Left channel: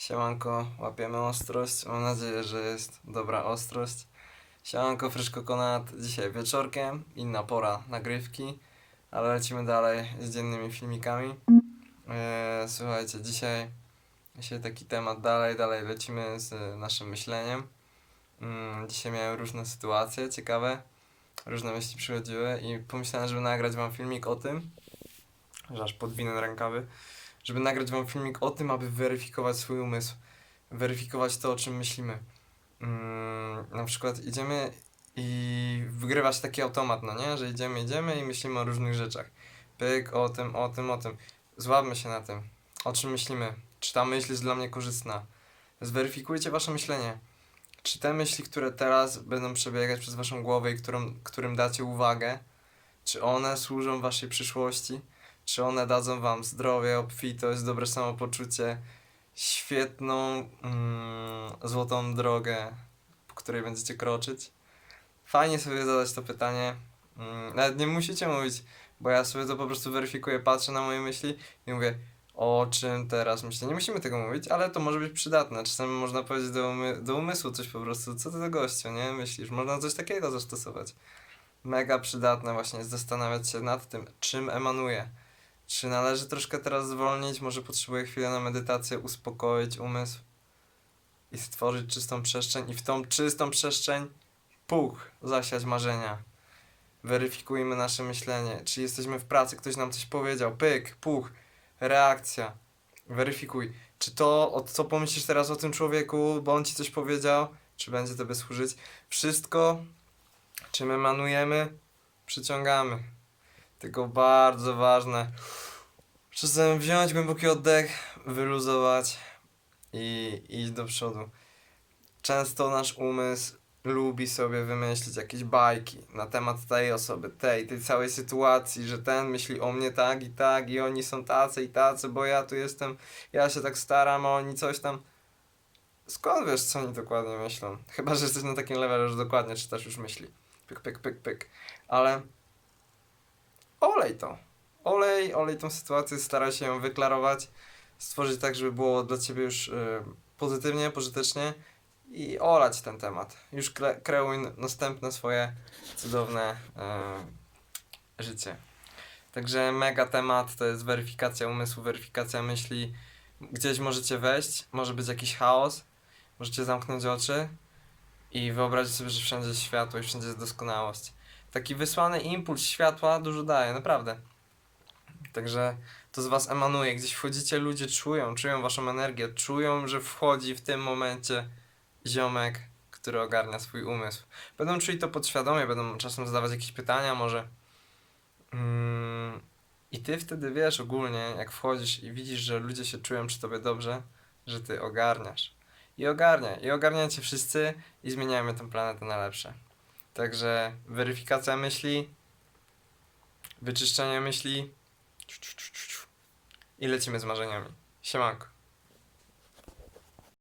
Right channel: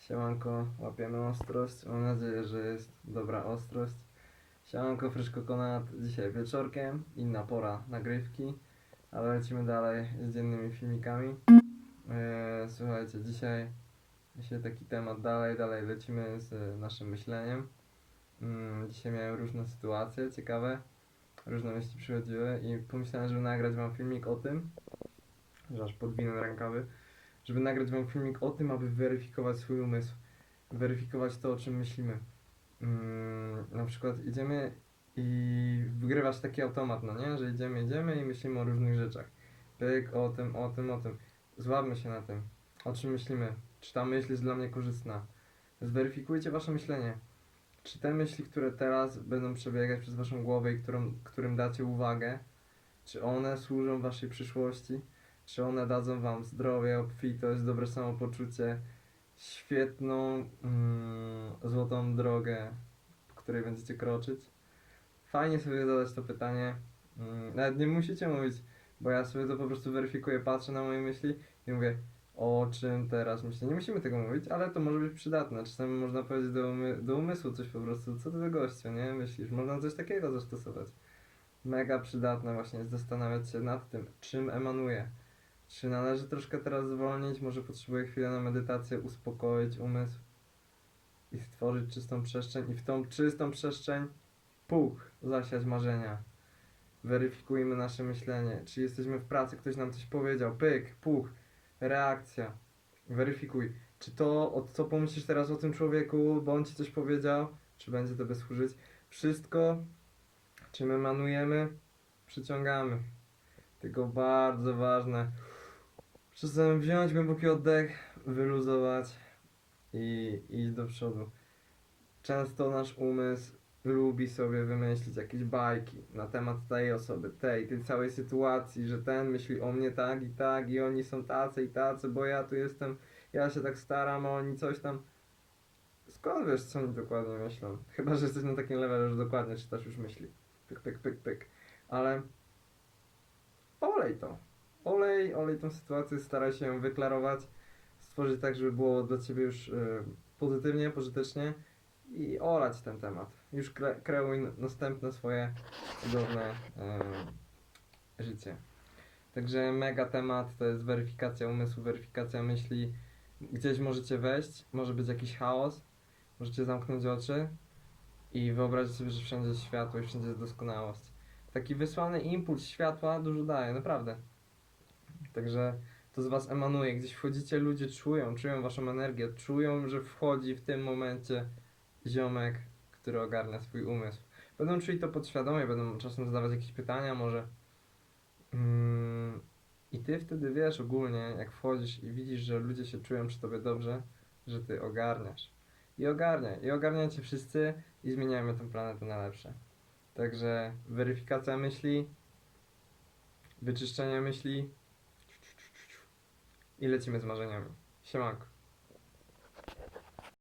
Siemanko, łapiemy ostrość. Mam nadzieję, że jest dobra ostrość. Siemanko, Frisz Kokonat. Dzisiaj wieczorkiem, inna pora nagrywki, ale lecimy dalej z dziennymi filmikami. Eee, słuchajcie, dzisiaj, dzisiaj taki temat dalej, dalej lecimy z naszym myśleniem. Mm, dzisiaj miałem różne sytuacje ciekawe, różne myśli przychodziły i pomyślałem, żeby nagrać wam filmik o tym, że aż podwinę rękawy, żeby nagrać wam filmik o tym, aby weryfikować swój umysł, weryfikować to, o czym myślimy. Mm, na przykład idziemy i wygrywa się taki automat, no nie? Że idziemy, idziemy i myślimy o różnych rzeczach. Pyk, o tym, o tym, o tym. Złapmy się na tym. O czym myślimy? Czy ta myśl jest dla mnie korzystna? Zweryfikujcie wasze myślenie. Czy te myśli, które teraz będą przebiegać przez waszą głowę i którą, którym dacie uwagę, czy one służą waszej przyszłości? Czy one dadzą wam zdrowie, obfitość, dobre samopoczucie, świetną, mm, złotą drogę, po której będziecie kroczyć? Fajnie sobie zadać to pytanie. Mm, nawet nie musicie mówić, bo ja sobie to po prostu weryfikuję, patrzę na moje myśli i mówię, o czym teraz myślę. Nie musimy tego mówić, ale to może być przydatne. Czasami można powiedzieć do, umy- do umysłu coś po prostu, co ty do gościu, nie? Myślisz, można coś takiego zastosować. Mega przydatne właśnie jest zastanawiać się nad tym, czym emanuje. Czy należy troszkę teraz zwolnić? Może potrzebuję chwilę na medytację, uspokoić umysł i stworzyć czystą przestrzeń i w tą czystą przestrzeń puch, zasiać marzenia. Weryfikujmy nasze myślenie. Czy jesteśmy w pracy, ktoś nam coś powiedział, pyk, puch, reakcja. Weryfikuj. Czy to, o co pomyślisz teraz o tym człowieku, bo on ci coś powiedział, czy będzie tobie służyć? Wszystko, czym emanujemy, przyciągamy. Tylko bardzo ważne, czasem wziąć głęboki oddech, wyluzować i iść do przodu. Często nasz umysł lubi sobie wymyślić jakieś bajki na temat tej osoby, tej, tej całej sytuacji, że ten myśli o mnie tak i tak i oni są tacy i tacy, bo ja tu jestem, ja się tak staram, a oni coś tam. Skąd wiesz, co oni dokładnie myślą? Chyba, że jesteś na takim levelu, że dokładnie czytasz już myśli. Pyk, pyk, pyk, pyk. Ale olej to. Olej, olej tą sytuację, staraj się ją wyklarować, stworzyć tak, żeby było dla ciebie już y, pozytywnie, pożytecznie i olać ten temat. Już kre, kreuj następne swoje cudowne y, życie. Także mega temat to jest weryfikacja umysłu, weryfikacja myśli. Gdzieś możecie wejść, może być jakiś chaos, możecie zamknąć oczy i wyobrazić sobie, że wszędzie jest światło i wszędzie jest doskonałość. Taki wysłany impuls światła dużo daje, naprawdę. Także to z was emanuje. Gdzieś wchodzicie, ludzie czują, czują waszą energię, czują, że wchodzi w tym momencie ziomek, który ogarnia swój umysł. Będą czuli to podświadomie, będą czasem zadawać jakieś pytania, może. Mm, I ty wtedy wiesz ogólnie, jak wchodzisz i widzisz, że ludzie się czują przy tobie dobrze, że ty ogarniasz. I ogarniaj. I ogarniacie wszyscy i zmieniamy tę planetę na lepsze. Także weryfikacja myśli, wyczyszczenie myśli i lecimy z marzeniami. Siemanko.